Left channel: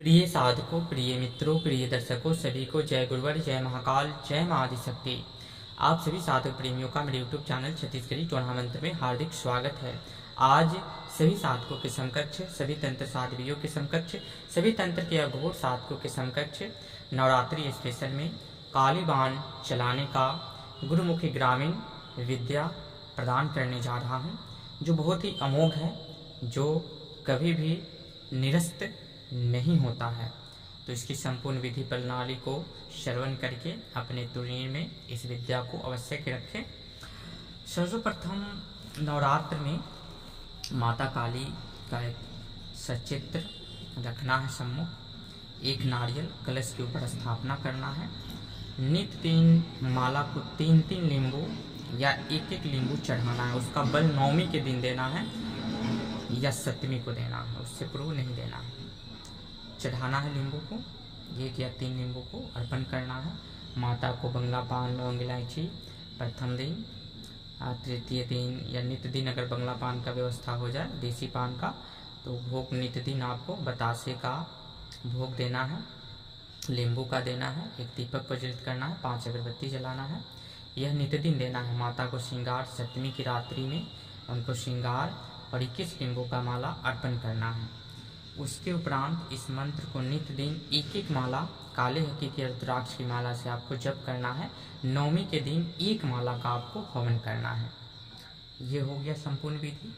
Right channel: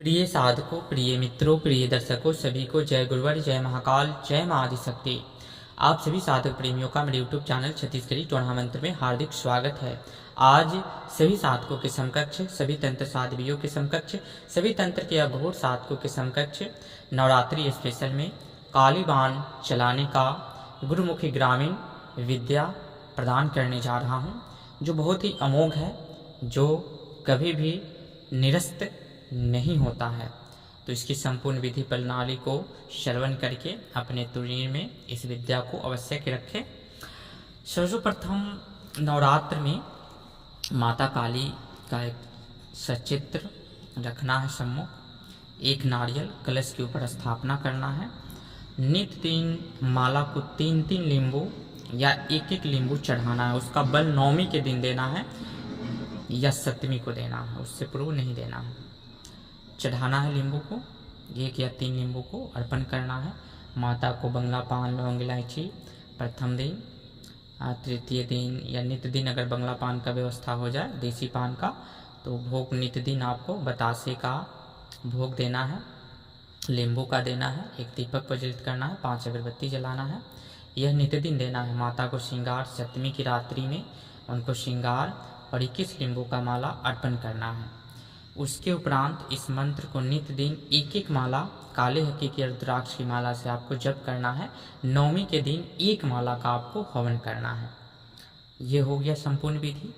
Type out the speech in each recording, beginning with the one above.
प्रिय साधकों, प्रिय मित्रों, प्रिय दर्शकों, सभी को जय गुरुवर, जय महाकाल, जय मां आदिशक्ति। आप सभी साधक प्रेमियों का मेरे यूट्यूब चैनल छत्तीसगढ़ी टोना मंत्र में हार्दिक स्वागत है। आज सभी साधकों के समकक्ष, सभी तंत्र साधवियों के समकक्ष, सभी तंत्र के अघोर साधकों के समकक्ष नवरात्रि स्पेशल में काली बाण चलाने का गुरुमुखी ग्रामीण विद्या प्रदान करने जा रहा हूँ, जो बहुत ही अमोघ है, जो कभी भी निरस्त नहीं होता है। तो इसकी संपूर्ण विधि प्रणाली को श्रवण करके अपने तुरनी में इस विद्या को अवश्य के रखें। सर्वप्रथम नवरात्र में माता काली का एक सचित्र रखना है सम्मुख, एक नारियल कलश के ऊपर स्थापना करना है। नित्य दिन माला को 3-3 नींबू या एक नींबू चढ़ाना है। उसका बल नवमी के दिन देना है या सप्तमी को देना है, उससे पूर्व नहीं देना है। चढ़ाना है नींबू को, 1 या 3 नींबू को अर्पण करना है। माता को बंगला पान, लौंग, इलायची प्रथम दिन, तृतीय दिन या नित्य दिन अगर बंगला पान का व्यवस्था हो जाए, देसी पान का, तो भोग नित्य दिन आपको बतासे का भोग देना है, नींबू का देना है, एक दीपक प्रज्वलित करना है, 5 अगरबत्ती जलाना है। यह नित्य दिन देना है। माता को श्रृंगार सप्तमी की रात्रि में उनको श्रृंगार और 21 नींबू का माला अर्पण करना है। उसके उपरांत इस मंत्र को नित्य दिन एक माला काले हकीकी रुद्राक्ष की माला से आपको जप करना है। नवमी के दिन 1 माला का आपको हवन करना है। ये हो गया संपूर्ण विधि।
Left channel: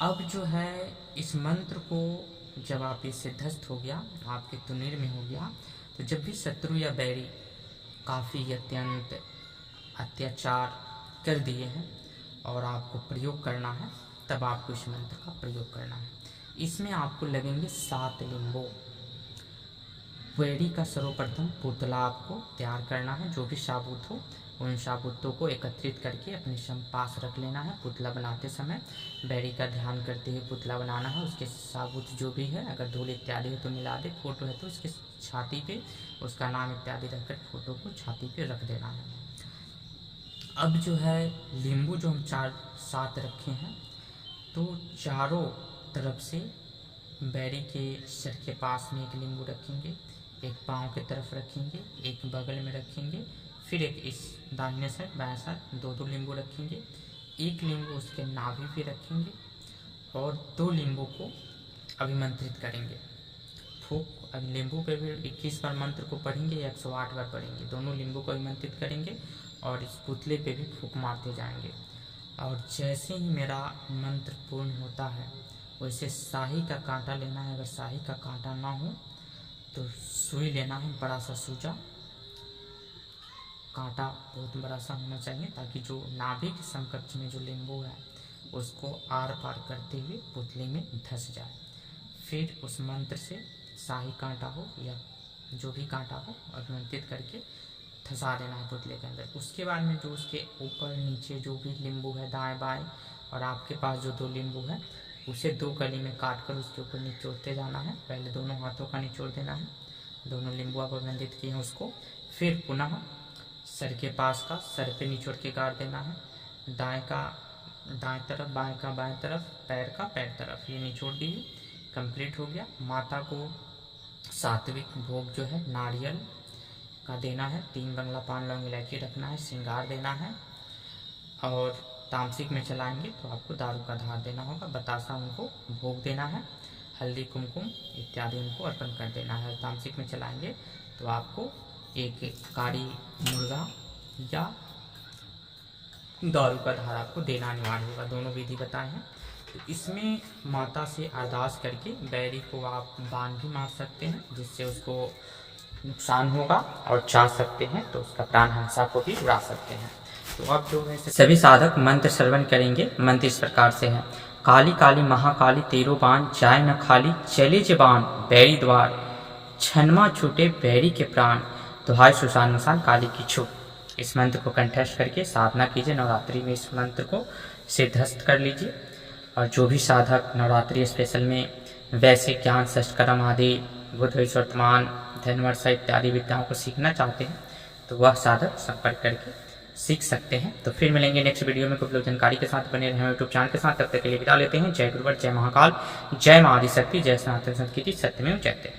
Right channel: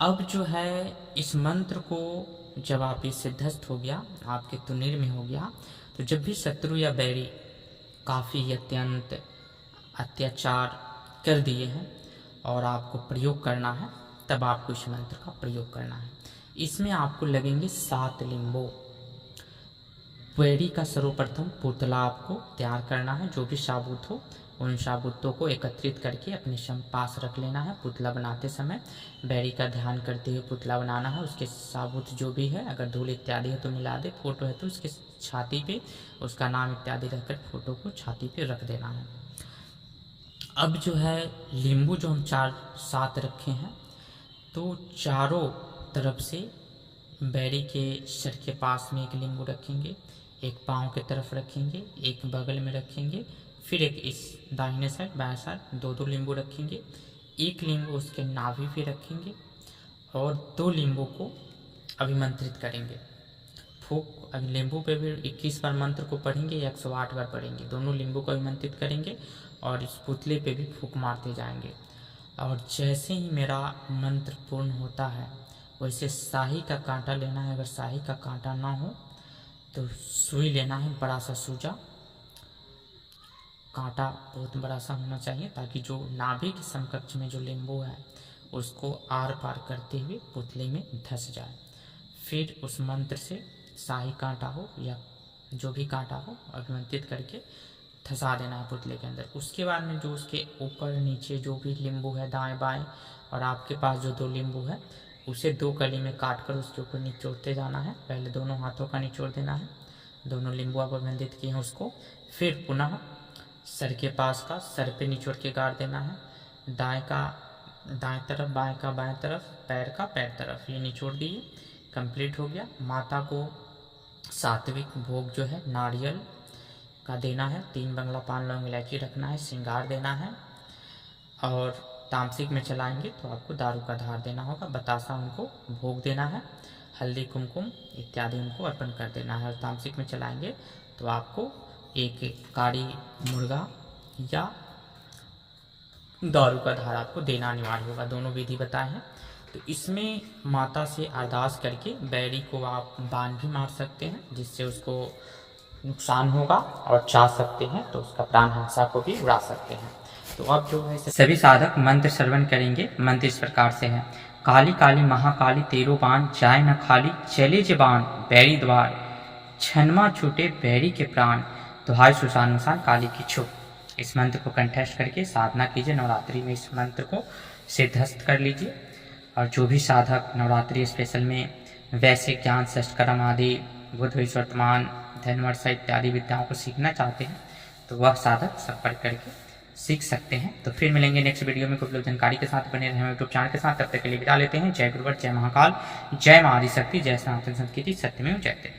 अब जो है इस मंत्र को जब आप इस सिद्धस्थ हो गया, आपके तुनीर में हो गया, तो जब भी शत्रु या बैरी काफ़ी अत्यंत अत्याचार कर दिए हैं और आपको प्रयोग करना है, तब आपको इस मंत्र का प्रयोग करना है। इसमें आपको लगेंगे 7 नींबू। पेड़ी का सर्वप्रथम पुतला आपको तैयार करना है। जो भी साबुत हो उन साबुतों को एकत्रित करके अपने पास रख लेना है। पुतला बनाते समय बैरी का ध्यान करते हुए पुतला बनाना है। उसके साबुत जो भी है, अगर धूल इत्यादि है तो मिला दे, फोटो है तो उसके छाती पे उसका नाम इत्यादि रखकर फोटो को छाती पे रख देना है। अब जो है नींबू जो हम 4-7 रखे हैं, तो चारों तरफ से बैरी के सिर के पास में एक नींबू रखेंगे, एक पाँव की तरफ रखेंगे, एक बगल में रखेंगे, फिर एक इस दाहिने साइड बाएं साइड 2-2 नींबू रखेंगे। एक नींबू उसके नाभि पे रखेंगे और 2 नींबू को अभिमंत्रित करेंगे। फूक अभी नींबू पे भी 21 बार मंत्र को पढ़ेंगे या 108 बार पढ़ेंगे। दोनों नींबू को अभिमंत्रित करेंगे और इस पुतले पे भी फूक मारते जाएंगे। और जैसे ही मेरा मंत्र पूर्ण होता है, वैसे शाही का कांटा लेना है। अगर शाही का कांटा ना हो तो सुई लेना है, बड़ा सा सूजा कांटा बहुत बड़ा सा होना चाहिए, ताकि जो नाभि के समकक्ष में जो नींबू है उसको आर पार करते हुए पुतले में धंस जाए। फिर उस मंत्र से शाही कांटा हो या जो भी कांटा हो अभिमंत्रित करके धंसा देना है पुतले के अंदर। उसके बाद में जो उसके ऊपर नीचे जो भी नींबू है दाएं बाएं, और आपके पास जो 2 नींबू है, उसे 2 कली में काट कर उसके ऊपर निचोड़ते जाना है। पहले दोनों हाथों का निचोड़ देना है, दोनों नींबू आप अभिमंत्रित किए हैं उसको। फिर पुनः सर के पास का सर पे निचोड़ के गाड़ देना है। दाएं का दाएं तरफ, बाएं का बाएं तरफ, पैर का पैर तरफ, ये निचोड़ दिए। कंप्लीट हो गया। माता को सात्विक भोग जो है नारियल का देना है, 3 बंगला पान, लौंग, इलायची रखना है, श्रृंगार देना है। और तामसिक में चलाएंगे तो आपको दारू का धार देना होगा, बतासा उनको भोग देना है, हल्दी कुमकुम इत्यादि उनको अर्पण कर देना है। और तामसिक में चलाएंगे तो आपको एक काड़ी मुर्गा या दारू का धार आपको देना अनिवार्य होगा। दोनों विधि बताए हैं। तो इसमें माता से अरदास करके बैरी को आप बाण भी मार सकते हैं, जिससे उसको नुकसान होगा, और चाह सकते हैं तो उसका प्राण हंसा को भी उड़ा सकते हैं। तो अब जो है सभी साधक मंत्र श्रवण करेंगे। मंत्र इस प्रकार से है। काली काली महाकाली तेरो बाण, जाए न खाली चले जबान, बैरी द्वार छनमा छूटे बैरी के प्राण, दुहाई सुसान नुसान काली की छुप। इस मंत्र को कंठस्थ करके साधना कीजिए। नवरात्रि में इस मंत्र को सिद्धस्थ कर लीजिए। और जो भी साधक नवरात्रि स्पेशल में वैसे ज्ञान, षष्ठकर्म आदि, भूत भविष्य वर्तमान, धनवर्षा इत्यादि विद्याओं को सीखना चाहते हैं, तो वह साधक संपर्क करके सीख सकते हैं। तो फिर मिलेंगे नेक्स्ट वीडियो में कुछ लोग जानकारी के साथ। बने रहें यूट्यूब चैनल के साथ। तब तक के लिए विदा लेते हैं। जय गुरुवर, जय महाकाल, जय मां आदिशक्ति, जय सनातन संस्कृति, सत्यमेव जयते।